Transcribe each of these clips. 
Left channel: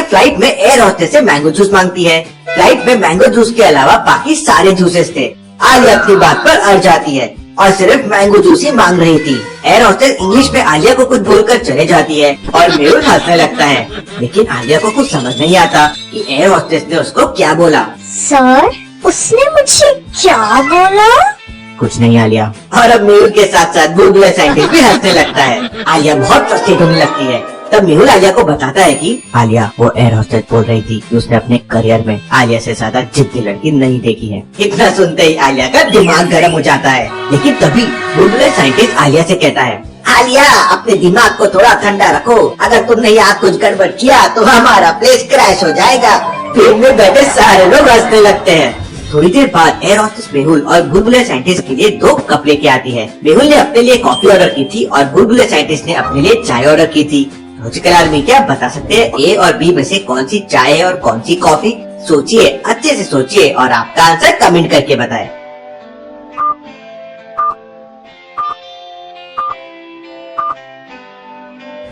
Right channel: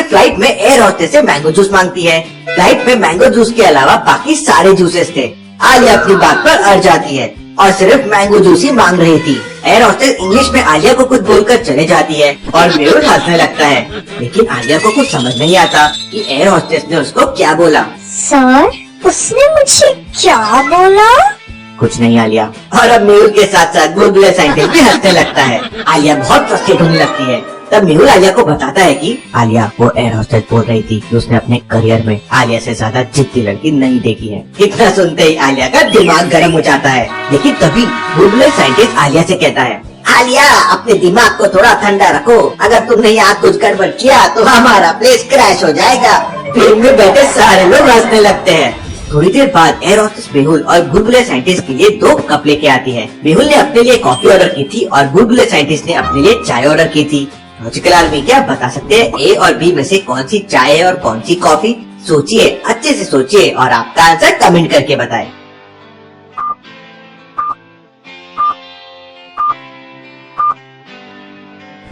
Alia flight में air hostess से mango juice मांगती है। फ्लाइट में मैंगो जूस के अलावा बाकी सारे जूसेस थे। आलिया अपनी बात पर अड़ जाती है और सिर्फ मैंगो जूस ही मांग रही थी। एयर होस्टेस इंग्लिश में आलिया को कुछ बोलकर चले जाती है और मेहुल हंसने लगता है, लेकिन आलिया को कुछ समझ नहीं आता कि एयर होस्टेस ने उसको क्या बोला। सर, उसने मुझे क्या बोला? कुछ नहीं आलिया। और अब मेहुल के साथ साथ बुलबुल साइंटिस्ट भी हंसने लगता है। आलिया बहुत फ्रस्ट्रेट होने लगती है। तब मेहुल आलिया को बताता है कि आलिया वो एयर होस्टेस बोल रही थी कि उसने अपने करियर में आलिया से ज्यादा जिद्दी लड़की नहीं देखी है। इतना सुनते ही आलिया का दिमाग गर्म हो जाता है, लेकिन तभी बुलबुल साइंटिस्ट आलिया से कहता है, आलिया अपने दिमाग को थोड़ा ठंडा रखो, अगर तुमने यहाँ कुछ गड़बड़ किया तो हमारा प्लेस क्रैश हो जाएगा। प्लेन में बैठे सारे लोग हंसने लगते हैं। थोड़ी देर बाद एयर होस्टेस मेहुल और बुलबुल साइंटिस्ट के लिए 2 कप लेके आती है। मेहुल ने अपने लिए कॉफी ऑर्डर की थी और बुलबुल साइंटिस्ट ने अपने लिए चाय ऑर्डर की थी। लॉजिकल आदमी क्या बता सकते हैं ए और बी में से कौन सी चाय है और कौन सी कॉफी? सोचिए, अच्छे से सोचिए और आपका आंसर कमेंट करके बताएं।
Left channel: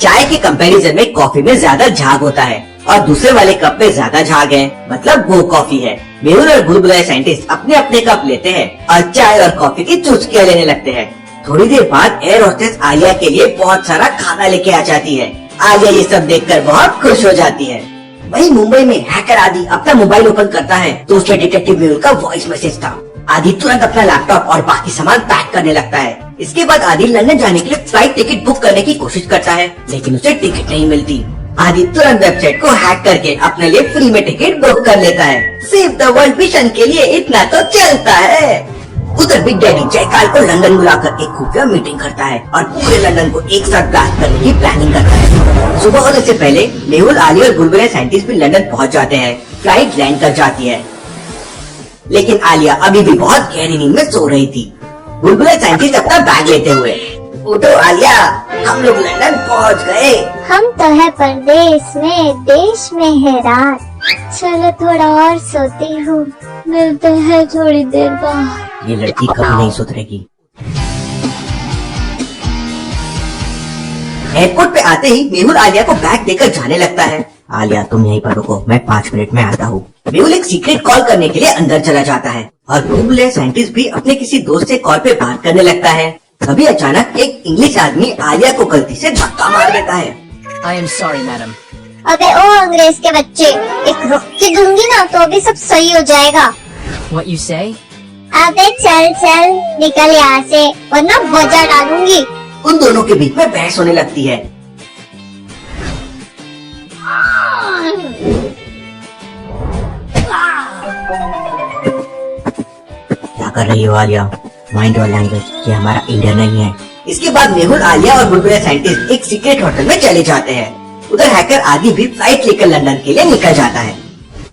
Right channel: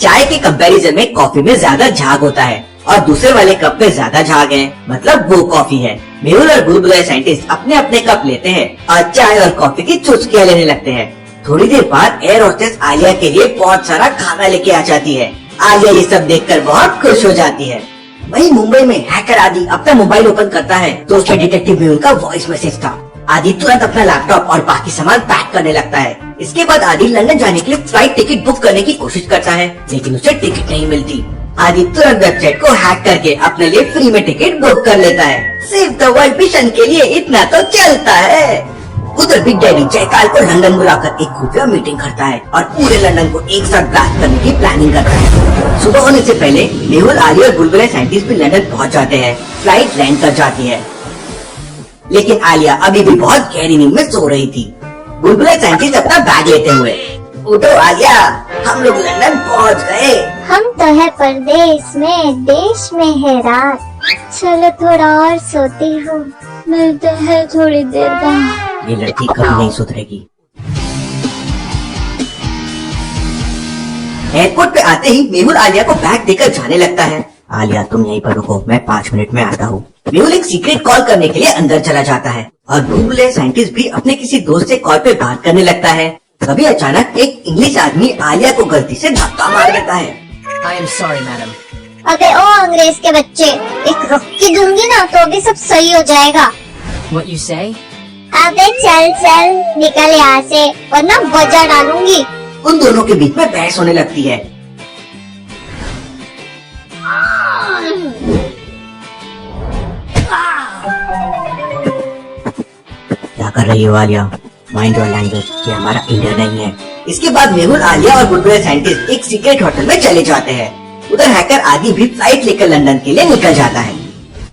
चाय के कंपैरिजन में कॉफी में ज्यादा झाग होता है और दूसरे वाले कप में ज्यादा झाग है, मतलब वो कॉफी है। मेहुल और बुलबुल साइंटिस्ट अपने अपने कप लेते हैं और चाय और कॉफी की चुस्कियां लेने लगते हैं। थोड़ी देर बाद एयर होस्टेस आलिया के लिए बहुत सारा खाना लेके आ जाती है। आलिया ये सब देखकर बहुत खुश हो जाती है। वहीं मुंबई में हैकर आदि अपना मोबाइल ओपन करता है तो उसमें डिटेक्टिव मेहुल का वॉइस मैसेज था। आदि तुरंत अपना लैपटॉप और बाकी सामान पैक करने लगता है। इसके बाद आदि लंदन जाने के लिए फ्लाइट टिकट बुक करने की कोशिश करता है, लेकिन उसे टिकट नहीं मिलती। आदि तुरंत वेबसाइट को हैक करके अपने लिए फ्री में टिकट बुक कर लेता है। सेव द वर्ल्ड मिशन के लिए इतना तो चलता है। उधर बिग डैडी जयकाल को लंदन बुलाकर एक खुफिया मीटिंग करता है और पूरे लंदन को एक साथ ब्लास्ट करने की प्लानिंग करता है। सुबह होने से पहले मेहुल, आलिया और बुलबुल साइंटिस्ट भी लंदन पहुंच जाते हैं। फ्लाइट लैंड कर जाती है, लेकिन आलिया अभी भी बहुत गहरी नींद में सो रही थी। बुलबुल साइंटिस्ट अपना बैग लेते हुए, उठो आलिया, हम लोग लंदन पहुंच गए। हम तो है परदेश में, देश में है रात। चलो थोड़ा और सोती हूँ, मिलते हैं थोड़ी देर बाद। ये लड़की कभी नहीं सुधरेगी। एयरपोर्ट पे आते ही मेहुल आलिया को बैग देकर जाने लगता है। आलिया तुम यहीं पर रुको, मैं 5 मिनट में आता हूँ। मेहुल एक सीक्रेट कॉल करने के लिए अंदर चला जाता है और बुलबुल साइंटिस्ट भी अपने किसी दोस्त से कॉल पे बात करने लगता है। तभी अचानक एक इंग्लिश आदमी आलिया को गलती से धक्का मार देता है। I am sorry, madam. अबे ओ अंग्रेज के बच्चे, एक रुक्की दूंगी ना तो अभी सब सही हो जाएगा। What you say? अबे चल चल निकल यहाँ से, वरना वजह डालूंगी। उन दोनों के बीच में बहस होने लगती है। क्या कर रही हो आलिया? माइंड योर लैंग्वेज, ये हमारा इंडिया नहीं है। इसके बाद मेहुल, आलिया और बुलबुल साइंटिस्ट एक सीक्रेट होटल में चले जाते हैं। उधर हैकर आदि भी फ्लाइट लेकर लंदन के लिए निकल जाता है।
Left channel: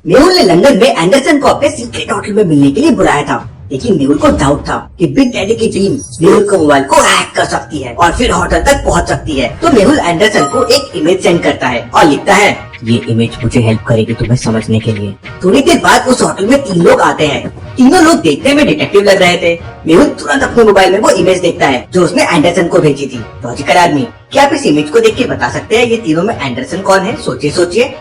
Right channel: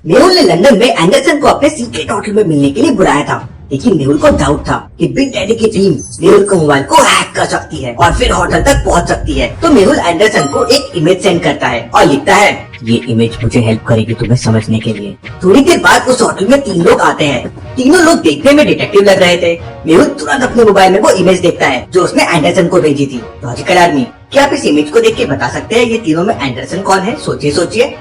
मेहुल ने लंदन में एंडरसन को अपने सीक्रेट होटल में मिलने के लिए बुलाया था, लेकिन मेहुल को डाउट था कि बिग डैडी की टीम मेहुल के मोबाइल को हैक कर सकती है और फिर होटल तक पहुंच सकती है। तो मेहुल एंडरसन को एक इमेज सेंड करता है और लिखता है, ये इमेज मुझे हेल्प करेगी तुम्हें समझने के लिए। थोड़ी देर बाद उस होटल में 3 लोग आते हैं। तीनों लोग देखने में डिटेक्टिव लग रहे थे। मेहुल तुरंत अपने मोबाइल में वो इमेज देखता है जो उसने एंडरसन को भेजी थी। लॉजिकल आदमी, क्या आप इस इमेज को देख के बता सकते हैं ये तीनों में एंडरसन कौन है? सोचिए सोचिए।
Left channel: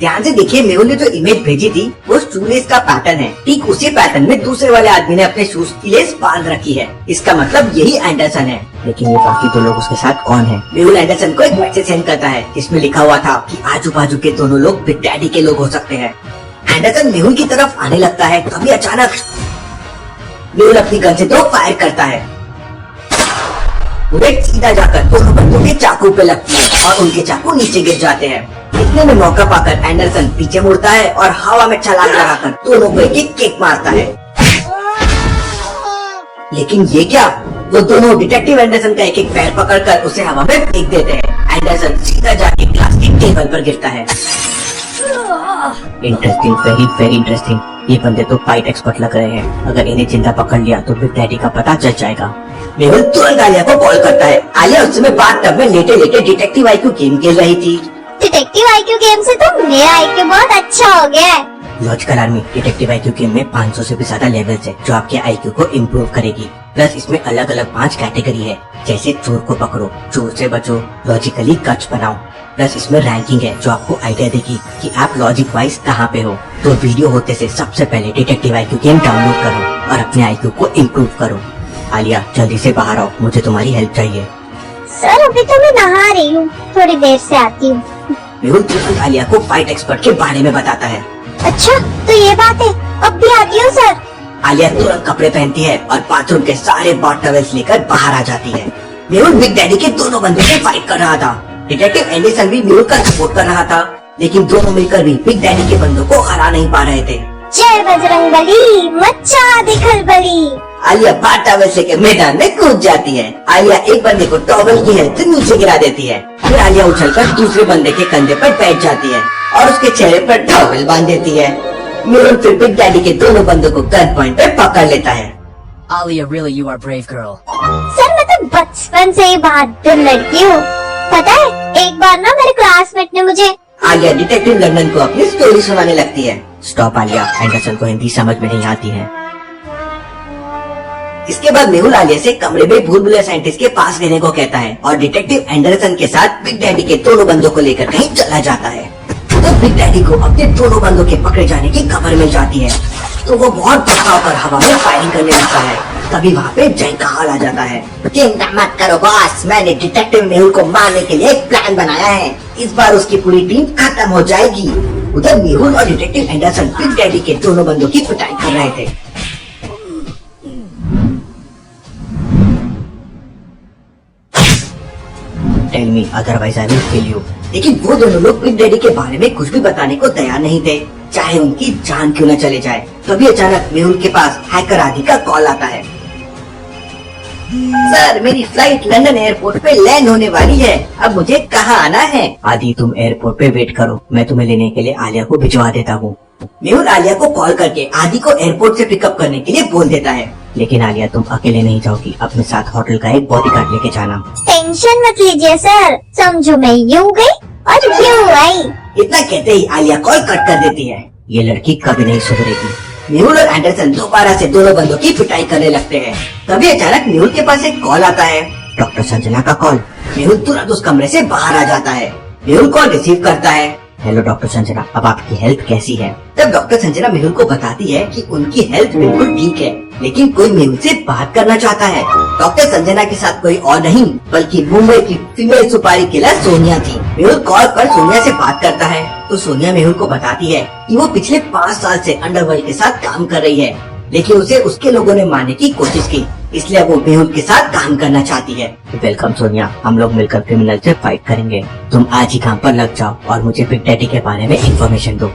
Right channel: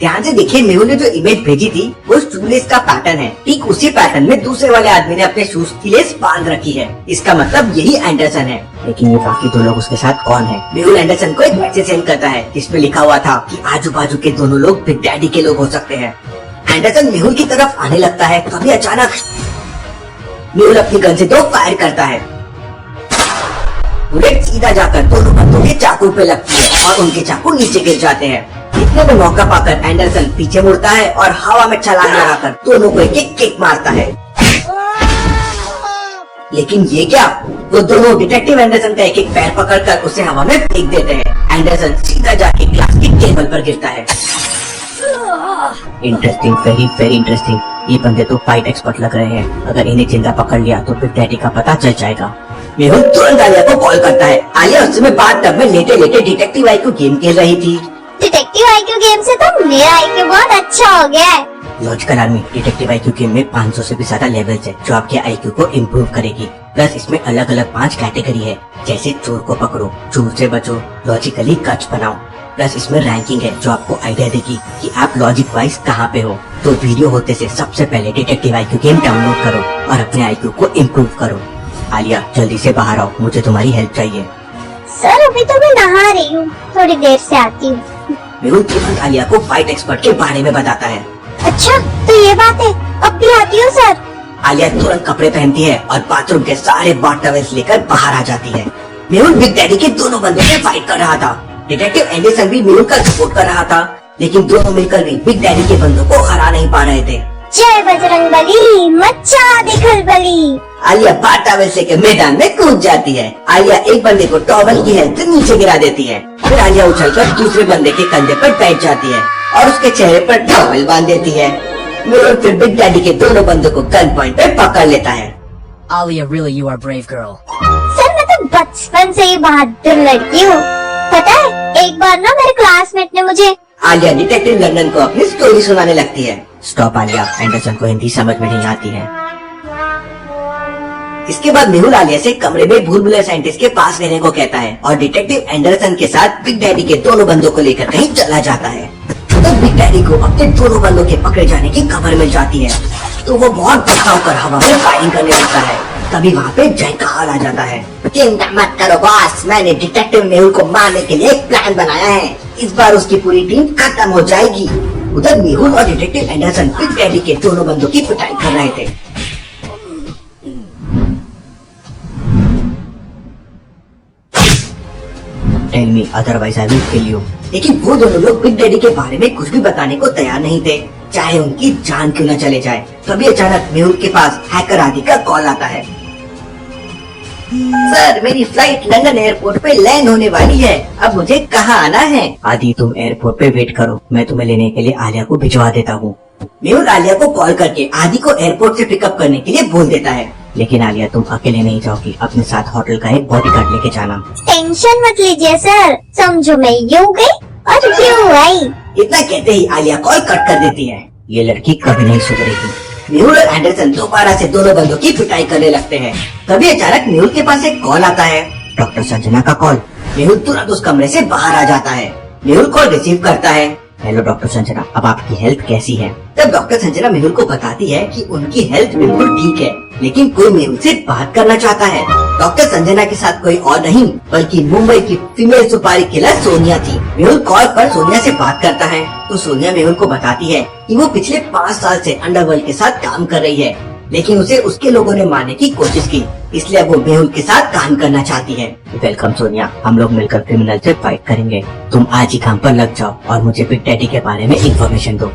ध्यान से देखिए, मेहुल ने जो इमेज भेजी थी वो शूलेस का पैटर्न है। ठीक उसी पैटर्न में दूसरे वाले आदमी ने अपने शूज की लेस बांध रखी है। इसका मतलब यही एंडरसन है। लेकिन ये बाकी 2 लोग उसके साथ कौन है? मेहुल एंडरसन को एक मैसेज सेंड करता है जिसमें लिखा हुआ था कि आजू बाजू के दोनों लोग बिग डैडी के लोग हो सकते हैं। एंडरसन मेहुल की तरफ आने लगता है, तभी अचानक मेहुल अपनी गन से 2 फायर करता है। बुलेट सीधा जाकर दोनों बंदों के चाकू पे लगती है और उनके चाकू नीचे गिर जाते हैं। इतने में मौका पाकर एंडरसन पीछे मुड़ता है और हवा में छलांग लगाकर दोनों को एक किक मारता है। लेकिन ये क्या, वो दोनों डिटेक्टिव एंडरसन का एक पैर पकड़कर उसे हवा में फेंक देते हैं। एंडरसन सीधा जाके ग्लास की टेबल पर गिरता है। Interesting, very very interesting. ये बंदे तो फाइट एक्सपर्ट लग रहे हैं। अगर इन्हें जिंदा पकड़ लिया तो बिग डैडी का पता चल जाएगा। मेहुल तुरंत आलिया को कॉल करता है। आलिया उस समय बाथटब में लेटे लेटे डिटेक्टिव आईक्यू गेम खेल रही थी। डिटेक्टिव आईक्यू गेम से तो मेरा आईक्यू बहुत अच्छा हो गया है। Logical army, detective IQ game में 500 से भी ज्यादा लेवल्स है जो आपके आईक्यू को इम्प्रूव करेगी। प्लस इसमें अलग अलग 5 कैटेगरी है जैसे चोर को पकड़ो, चोर से बचो, लॉजिकली कच बनाओ। प्लस इसमें रैंकिंग है जो आपको आइडिया देगी कि आप लॉजिक वाइज कहाँ पे हो। तो वीडियो होते से सबसे पहले डिटेक्टिव IQ गेम डाउनलोड करो और अपने IQ को इम्प्रूव करो। आलिया जल्दी से बाहर आओ, मुझे तुम्हारी हेल्प चाहिए। सर अभी तो मैं नहा रही हूँ, थोड़ी देर से आती हूँ। मेहुल तुरंत आलिया को फाइट एक्सपर्ट के बारे में बताता है। अच्छा तो ये बात है, अब भी आती हूँ सर। आलिया तुरंत कपड़े पहनती है और बाथरूम के सारे बॉट टॉवेल्स लेकर बाहर आ जाती है। मेहुल बिग डैडी के दोनों बंदे से फाइट कर रहा था। डिटेक्टिव एंडरसन भी मेहुल का सपोर्ट कर रहा था, लेकिन दोनों मिलकर भी बिग डैडी के बंदों को हरा नहीं पा रहे थे। जय बजरंगबली, मचा दे खलबली। आलिया बॉट टॉवेल्स लेकर मैदान में कूद जाती है। आलिया एक बंदे को टॉवेल की हेल्प से नीचे गिरा देती है। फिर आलिया उछलकर दूसरे बंदे के कंधे पर बैठ जाती है और उसके चेहरे पर टॉवेल बांध देती है। मेहुल फिर बिग डैडी के दोनों बंदों को गन पॉइंट पे पकड़ लेता है। Alia, really, you are brave girl. Sir मैं तो बचपन से ही बहादुर लड़की हूँ। पता है एक बार ना मेरे क्लासमेट ने मुझे। आलिया डिटेक्टिव लंदन को अपनी स्टोरी सुनाने लगती है। स्टॉप आलिया, एंडरसन को हिंदी समझ में नहीं आती है। इसके बाद मेहुल आलिया से कमरे में भूल भुलैया साइंटिस्ट के पास रहने को कहता है और डिटेक्टिव एंडरसन के साथ बिग डैडी के दोनों बंदों को लेकर कहीं चला जाता है। तो बिग डैडी को अपने दोनों बंदों के पकड़े जाने की खबर मिल जाती है, तो वो बहुत गुस्सा होकर हवा में फायरिंग करने लगता है। तभी वहाँ पे जय का हाल आ जाता है। चिंता मत करो बॉस, मैंने डिटेक्टिव मेहुल को मारने के लिए एक प्लान बनाया है। इस बार उसकी पूरी टीम खत्म हो जाएगी। उधर मेहुल और डिटेक्टिव एंडरसन बिग डैडी के दोनों बंदों की पिटाई कर रहे थे। Tell me otherwise I will kill you. लेकिन वो दोनों लोग बिग डैडी के बारे में कुछ भी बताने को तैयार नहीं थे, चाहे उनकी जान क्यों न चले जाए। तभी अचानक मेहुल के पास हैकर आदि का कॉल आता है। सर मेरी फ्लाइट लंदन एयरपोर्ट पे लैंड होने वाली है, अब मुझे कहाँ आना है? आदि तुम एयरपोर्ट पे वेट करो, मैं तुम्हें लेने के लिए आलिया को भिजवा देता हूँ। मेहुल आलिया को कॉल करके आदि को एयरपोर्ट से पिकअप करने के लिए बोल देता है। लेकिन आलिया तुम अकेले नहीं जाओगी, अपने साथ होटल का एक बॉडीगार्ड लेके जाना। टेंशन मत लीजिए सर, समझो मैं यूँ गई और यूँ आई। इतना कहते ही आलिया कॉल कट कर देती है। ये लड़की कभी नहीं सुधरेगी। मेहुल और एंडरसन दोबारा से दोनों बंदों की पिटाई करने लगते हैं। तभी अचानक मेहुल के पास एक कॉल आता है, डॉक्टर संजना का कॉल। मेहुल तुरंत उस कमरे से बाहर आ जाता है। मेहुल कॉल रिसीव करता है। हेलो डॉक्टर संजना, अब आपकी हेल्थ कैसी है? तब डॉक्टर संजना मेहुल को बताती है कि उनकी हेल्थ बिल्कुल ठीक है, लेकिन कोई मेहुल से बात करना चाहता है। डॉक्टर संजना के साथ कोई और नहीं बल्कि मुंबई की फीमेल सुपारी किलर सोनिया थी। मेहुल कॉल पर सोनिया से बात करता है तो सोनिया मेहुल को बताती है कि वो पिछले 5 साल से अंडरवर्ल्ड के साथ काम कर रही है, लेकिन उसे उसके लोगों ने मारने की कोशिश की, इसलिए वो मेहुल के साथ काम करना चाहती है। वेलकम सोनिया, हम लोग मिलकर क्रिमिनल से फाइट करेंगे। तुम आज ही काम पर लग जाओ और मुझे बिग डैडी के बारे में इंफॉर्मेशन दो।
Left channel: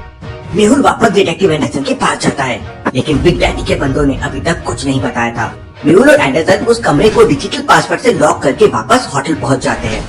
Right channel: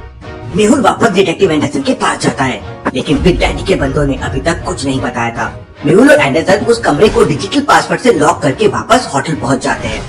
मेहुल वापस डिटेक्टिव एंडरसन के पास जाता है, लेकिन बिग डैडी के बंदों ने अभी तक कुछ नहीं बताया था। मेहुल और एंडरसन उस कमरे को डिजिटल पासवर्ड से लॉक करके वापस होटल पहुंच जाते हैं।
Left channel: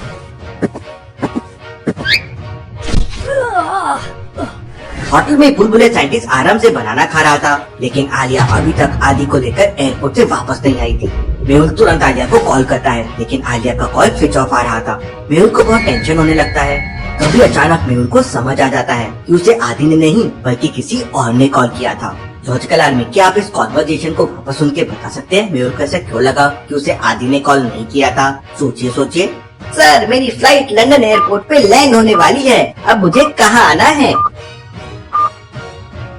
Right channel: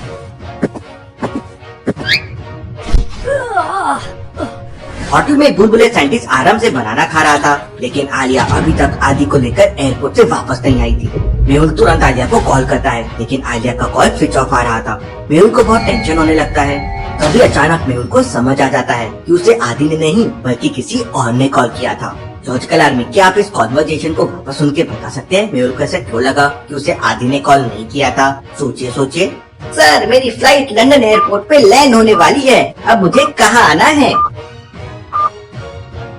होटल में भूल भुलैया साइंटिस्ट आराम से बनाना खा रहा था, लेकिन आलिया अभी तक आदि को लेकर एयरपोर्ट से वापस नहीं आई थी। मेहुल तुरंत आलिया को कॉल करता है, लेकिन आलिया का कॉल स्विच ऑफ आ रहा था। मेहुल को बहुत टेंशन होने लगता है। तभी अचानक मेहुल को समझ आ जाता है कि उसे आदि ने नहीं बल्कि किसी और ने कॉल किया था। लॉजिकल आर्मी, क्या आप इस कॉन्वर्जेशन को वापस सुन के बता सकते हैं मेहुल को ऐसा क्यों लगा कि उसे आदि ने कॉल नहीं किया था? सोचिए। सर मेरी फ्लाइट लंदन एयरपोर्ट पे लैंड होने वाली है, अब मुझे कहाँ आना है?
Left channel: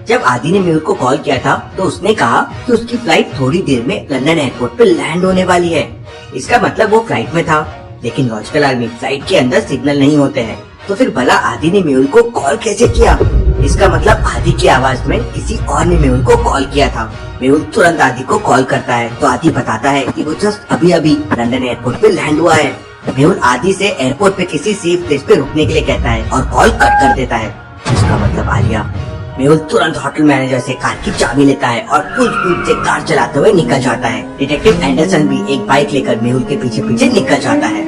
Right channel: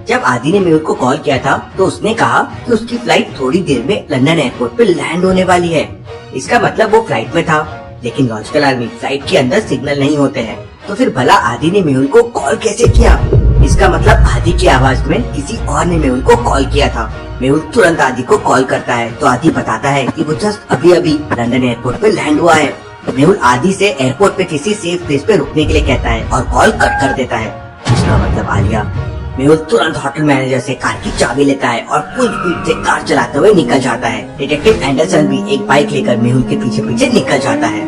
जब आदि ने मेहुल को कॉल किया था तो उसने कहा कि उसकी फ्लाइट थोड़ी देर में लंदन एयरपोर्ट पे लैंड होने वाली है। इसका मतलब वो फ्लाइट में था, लेकिन लॉजिकल आर्मी फ्लाइट के अंदर सिग्नल नहीं होते हैं, तो फिर भला आदि ने मेहुल को कॉल कैसे किया? इसका मतलब आदि की आवाज में किसी और ने मेहुल को कॉल किया था। मेहुल तुरंत आदि को कॉल करता है तो आदि बताता है कि वो जस्ट अभी लंदन एयरपोर्ट पे लैंड हुआ है। मेहुल आदि से एयरपोर्ट पे किसी सेफ प्लेस पे रुकने के लिए कहता है और कॉल कट कर देता है। इसका मतलब आलिया। मेहुल तुरंत होटल मैनेजर से कार की चाबी लेता है और फुल स्पीड से कार चलाते हुए निकल जाता है। डिटेक्टिव एंडरसन भी एक बाइक लेकर मेहुल के पीछे पीछे निकल जाता है।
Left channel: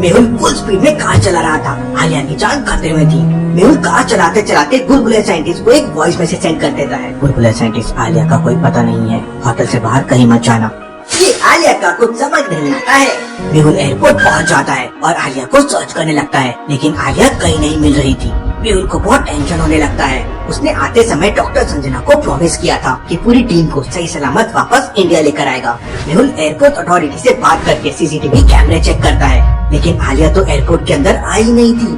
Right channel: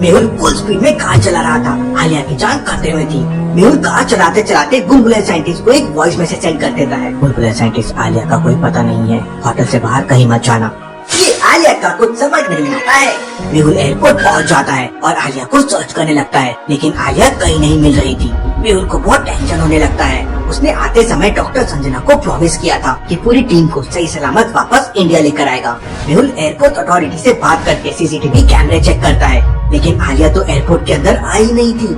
मेहुल फुल स्पीड में कार चला रहा था, आलिया की जान खतरे में थी। मेहुल कार चलाते चलाते भूल भुलैया साइंटिस्ट को एक वॉइस मैसेज सेंड कर देता है। भूल भुलैया साइंटिस्ट, आलिया का कोई पता नहीं है, होटल से बाहर कहीं मत जाना। ये आलिया का कुछ समझ नहीं आता है। मेहुल एयरपोर्ट पहुंच जाता है और आलिया को सर्च करने लगता है, लेकिन आलिया कहीं नहीं मिल रही थी। मेहुल को बहुत टेंशन होने लगता है। उसने आते समय डॉक्टर संजना को प्रॉमिस किया था कि पूरी टीम को सही सलामत वापस इंडिया लेकर आएगा। मेहुल एयरपोर्ट अथॉरिटी से बात करके सीसीटीवी कैमरे चेक करता है, लेकिन आलिया तो एयरपोर्ट के अंदर आई नहीं थी।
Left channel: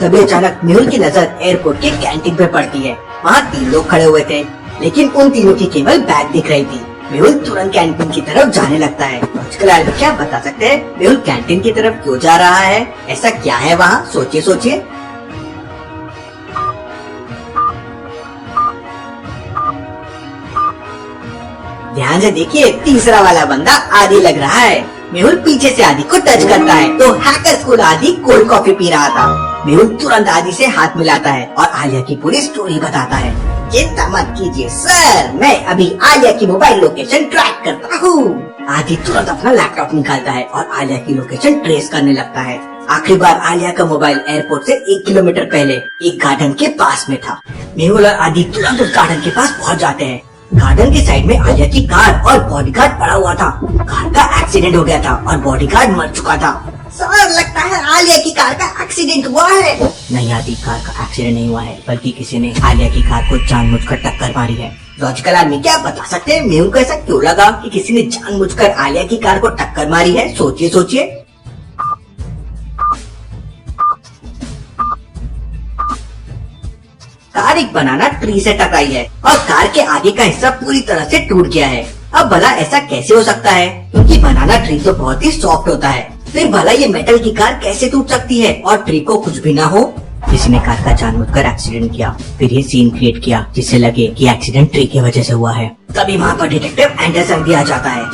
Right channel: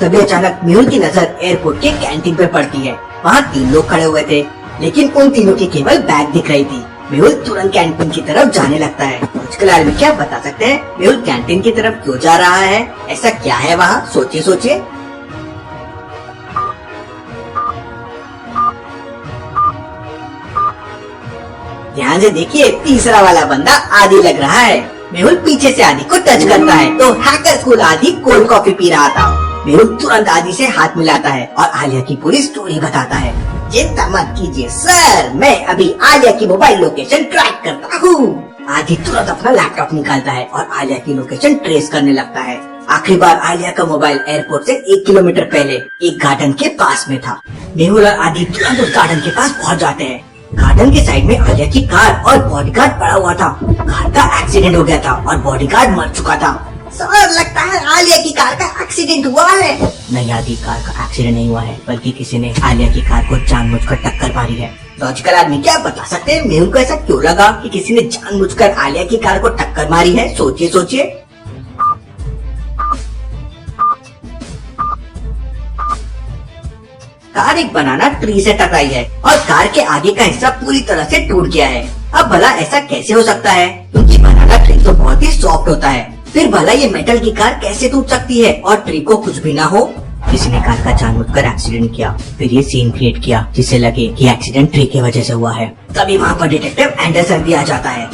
तभी अचानक मेहुल की नजर एयरपोर्ट के कैंटीन पे पड़ती है। वहाँ 3 लोग खड़े हुए थे, लेकिन उन तीनों की केवल बैग दिख रही थी। मेहुल तुरंत कैंटीन की तरफ जाने लगता है। मुझकल आदमी क्या बता सकते हैं मेहुल कैंटीन की तरफ क्यों जा रहा है? ऐसा क्या है वहाँ? सोचिए सोचिए। ध्यान से देखिए, तीसरा वाला बंदा आदि लग रहा है। मेहुल पीछे से आदि को टच करता है तो हैकर स्कूल आदि कोल्ड कॉफी पी रहा था। मेहुल तुरंत आदि से हाथ मिलाता है और आलिया की पूरी स्टोरी बताता है। चिंता मत कीजिए सर, मैं अभी आलिया की मोबाइल लोकेशन ट्रैक करता हूँ। आदि तुरंत अपना लैपटॉप निकालता है और आलिया की लोकेशन ट्रेस करने लगता है। आखिरी बार आलिया का मोबाइल एयरपोर्ट से 1 किलोमीटर पहले एक गार्डन के पास में था। मेहुल और आदि तुरंत उस गार्डन के पास पहुँच जाते हैं। गार्डन के साइड में आलिया की कार और बॉडीगार्ड पड़ा हुआ था। कार का एक्सीडेंट हो गया था और बॉडीगार्ड मर चुका था। सर, लगता है आलिया की कार का एक्सीडेंट हुआ है। नहीं आदि, कार का एक्सीडेंट नहीं हुआ है, बल्कि किसी ने आलिया की कार को जानबूझकर टक्कर मारी है। लॉजिकल आदमी क्या बता सकते हैं मेहुल को ऐसा क्यों लगा कि किसी ने जानबूझकर आलिया की कार को टक्कर मारी है? सोचिए सोचिए। कार एक बनाना ट्री से टकराई है और कार के आगे का हिस्सा पूरी तरह से टूट गया है। अब भला ऐसा कैसे हो सकता है? क्योंकि बनाना ट्री तो बहुत ही सॉफ्ट होता है। फिर भला ये मेटल की कार कैसे टूट सकती है और ट्री को कुछ भी ना हो? किसी ने कार का जानबूझकर एक्सीडेंट किया, फिर ये सीन क्रिएट किया जिससे लगे कि एक्सीडेंट ट्री की वजह से हुआ है। तभी वहाँ पर डिटेक्टिव एंडरसन भी आ जाता है।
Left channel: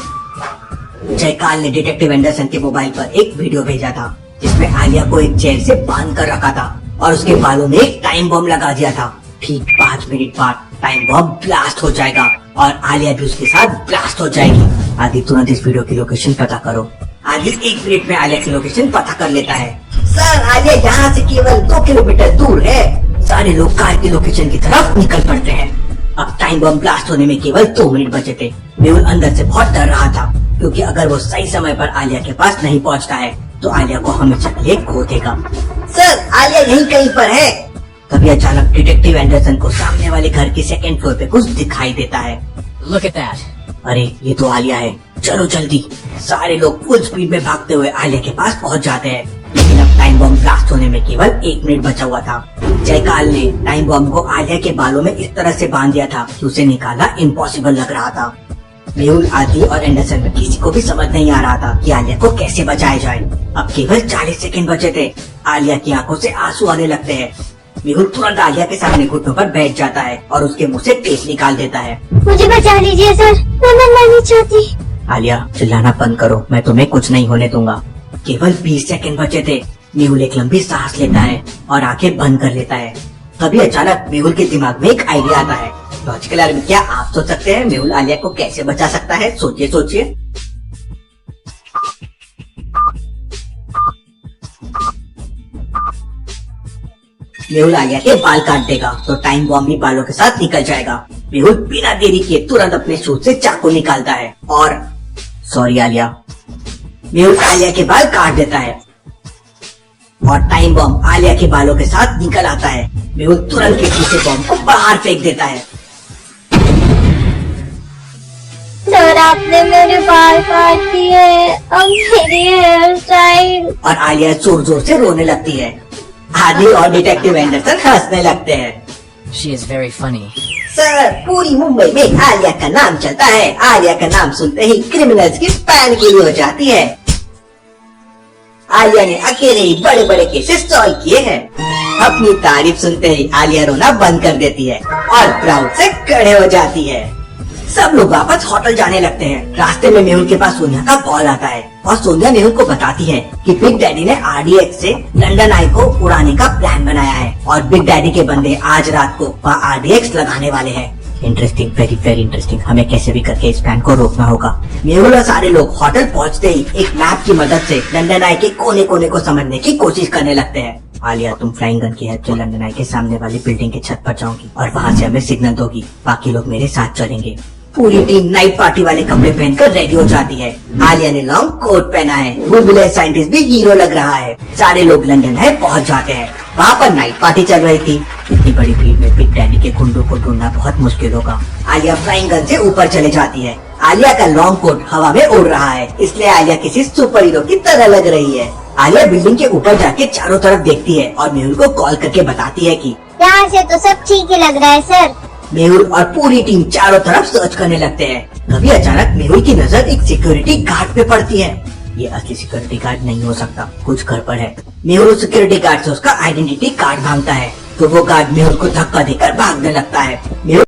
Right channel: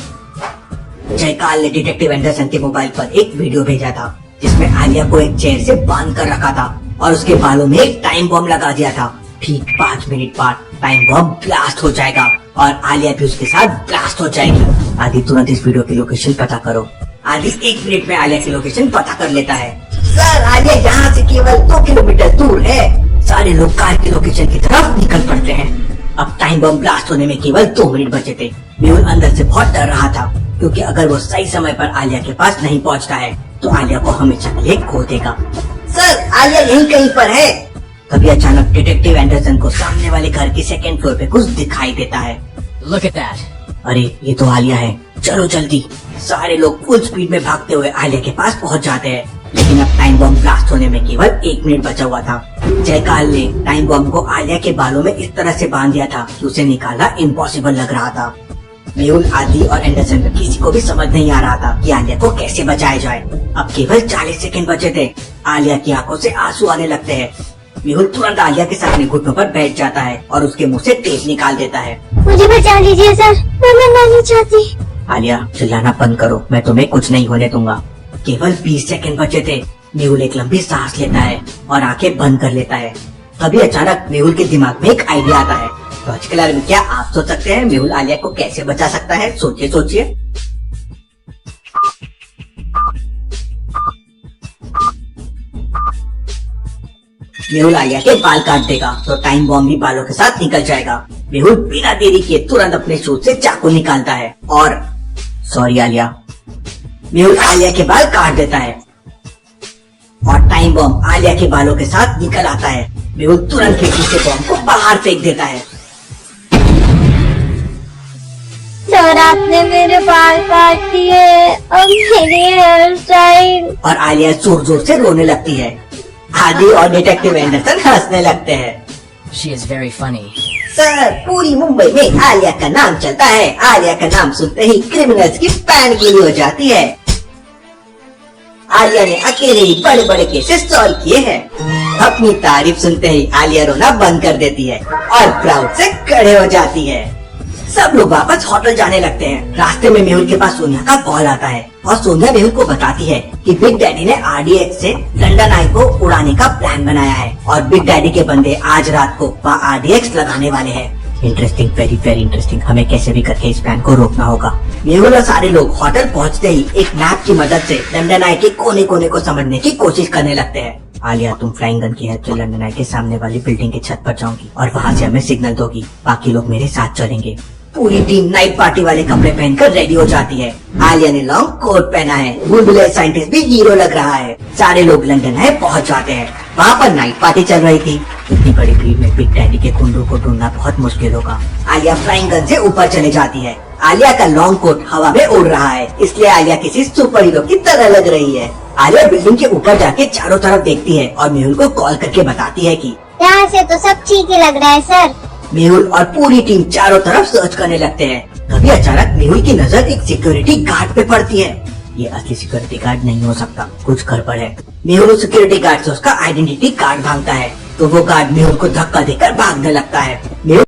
जयकाल ने डिटेक्टिव एंडरसन के मोबाइल पर एक वीडियो भेजा था जिसमें आलिया को एक चेयर से बांध कर रखा था और उसके बालों में एक टाइम बॉम्ब लगा दिया था। ठीक 5 मिनट बाद टाइम बॉम्ब ब्लास्ट हो जाएगा और आलिया भी उसके साथ ब्लास्ट हो जाएगी। आदि तुरंत इस वीडियो की लोकेशन पता करो। आदि 1 मिनट में आलिया की लोकेशन पता कर लेता है। सर, आलिया यहाँ से केवल 2 किलोमीटर दूर है। सारे लोग कार की लोकेशन की तरफ निकल पड़ते हैं। अब टाइम बम ब्लास्ट होने में केवल 2 मिनट बचे थे। मेहुल अंदर से बहुत डर रहा था, क्योंकि अगर वो सही समय पर आलिया के पास नहीं पहुँचता है तो आलिया को हमेशा के लिए खो देगा। सर, आलिया यहीं कहीं पर है। तभी अचानक डिटेक्टिव एंडरसन को सामने वाले घर की 2nd फ्लोर पे कुछ दिखाई देता है। Look at that. अरे, ये तो आलिया है, चलो जल्दी। सारे लोग फुल स्पीड में भागते हुए आलिया के पास पहुंच जाते हैं, लेकिन अब टाइम बॉम्ब ब्लास्ट होने में केवल 1 मिनट बचा हुआ था। जयकाल ने टाइम बॉम्ब को आलिया के बालों में इस तरह से बांध दिया था कि उसे निकालना इम्पॉसिबल लग रहा था। मेहुल, आदि और एंडरसन में किसी को भी समझ नहीं आ रहा था कि आलिया को कैसे बचाया जाए। अब केवल 40 सेकंड बचे थे। आलिया की आंखों से आंसू आने लगते हैं। मेहुल तुरंत आलिया के सामने घुटनों पर बैठ जाता है और उसके मुंह से तेज निकाल देता है। मुझे बचा लीजिए सर, मैं मरना नहीं चाहती। आलिया, चिल्लाना बंद करो, मैं तुम्हें कुछ नहीं होने दूंगा। केवल 20 सेकंड बचे थे। मेहुल एक लंबी सांस लेता है और आंखें बंद कर लेता है। तभी अचानक मेहुल के दिमाग में एक आइडिया आता है। लॉजिकल आदमी क्या आप सोच सकते हैं मेहुल आलिया को कैसे बचा सकता है? सोचिए सोचिए। मेहुल आलिया के बाल काट देगा तो टाइम बॉम्ब भी बालों के साथ निकल जाएगा। मेहुल बिना देरी किए तुरंत अपने शूज से चाकू निकालता है और सॉरी आलिया, मेहुल आलिया के बाल काट देता है और टाइम बॉम्ब आलिया के बालों के साथ निकल आता है। मेहुल तुरंत खिड़की से बॉम्ब को बाहर फेंक देता है। सर, आपने मेरे बाल काट दिए, अब मेरी हेयर स्टाइल। और आलिया जोर जोर से रोने लगती है। आदि और डिटेक्टिव एंडरसन हंसने लगते हैं। She is very funny. Sir, पूरी मुंबई में आलिया का नाम चलता है। आलिया का नाम सुनते ही क्रिमिनल्स की पैन पूरी हो जाती है। आलिया ने अकेले ही बड़े बड़े केसेस सॉल्व किए हैं। अपनी तारीफ सुनते ही आलिया रोना बंद कर देती है और प्राउड से खड़े हो जाती है। सब लोग वापस होटल जाने लगते हैं। रास्ते में मेहुल के पास सोनिया का कॉल आता है और सोनिया मेहुल को बताती है कि बिग डैडी ने RDX से लंदन आई को उड़ाने का प्लान बनाया है और बिग डैडी के बंदे आज रात को वहाँ RDX लगाने वाले हैं। Interesting, very very interesting. हमें कैसे भी करके इस प्लान को रोकना होगा। मेहुल और सारे लोग होटल पहुँचते ही एक मैप की मदद से लंदन आई के कोने कोने को समझने की कोशिश करने लगते हैं। आलिया, तुम फ्लाइंग गन की हेल्प से लंदन आई के सामने वाली बिल्डिंग की छत पर जाओगी और वहाँ से हमें सिग्नल दोगी। बाकी लोग मेरे साथ चलेंगे। पूरी टीम नाइट पार्टी वाले कपड़े पहनकर रेडी हो जाती है। आलिया ने लॉन्ग कोट पहना है। बुलबुले साइंटिस्ट भी हीरो लग रहा है। सारे लोग लंदन है पहुंच जाते हैं। वहाँ पर नाइट पार्टी चल रही थी। इतनी बड़ी भीड़ में बिग डैडी के गुंडों को ढूंढना बहुत मुश्किल होगा। आलिया फ्लाइंग गन से ऊपर चली जाती है। आलिया का लॉन्ग कोट हवा में उड़ रहा है, इसलिए आलिया किसी सुपर हीरो की तरह लग रही है। आलिया बिल्डिंग के ऊपर जाके चारों तरफ देखती है और मेहुल को कॉल करके बताती है कि यहाँ से तो सब ठीक ही लग रहा है सर। मेहुल और पूरी टीम चारों तरफ सर्च करने लगते हैं। तभी अचानक मेहुल की नजर एक सिक्योरिटी गार्ड पे पड़ती है। ये असली सिक्योरिटी गार्ड नहीं हो सकता, कुछ गड़बड़ है। मेहुल उस सिक्योरिटी गार्ड से उसका आइडेंटिटी कार्ड मांगता है, तो वो गार्ड मेहुल को धक्का देकर भागने लगता है। मेहुल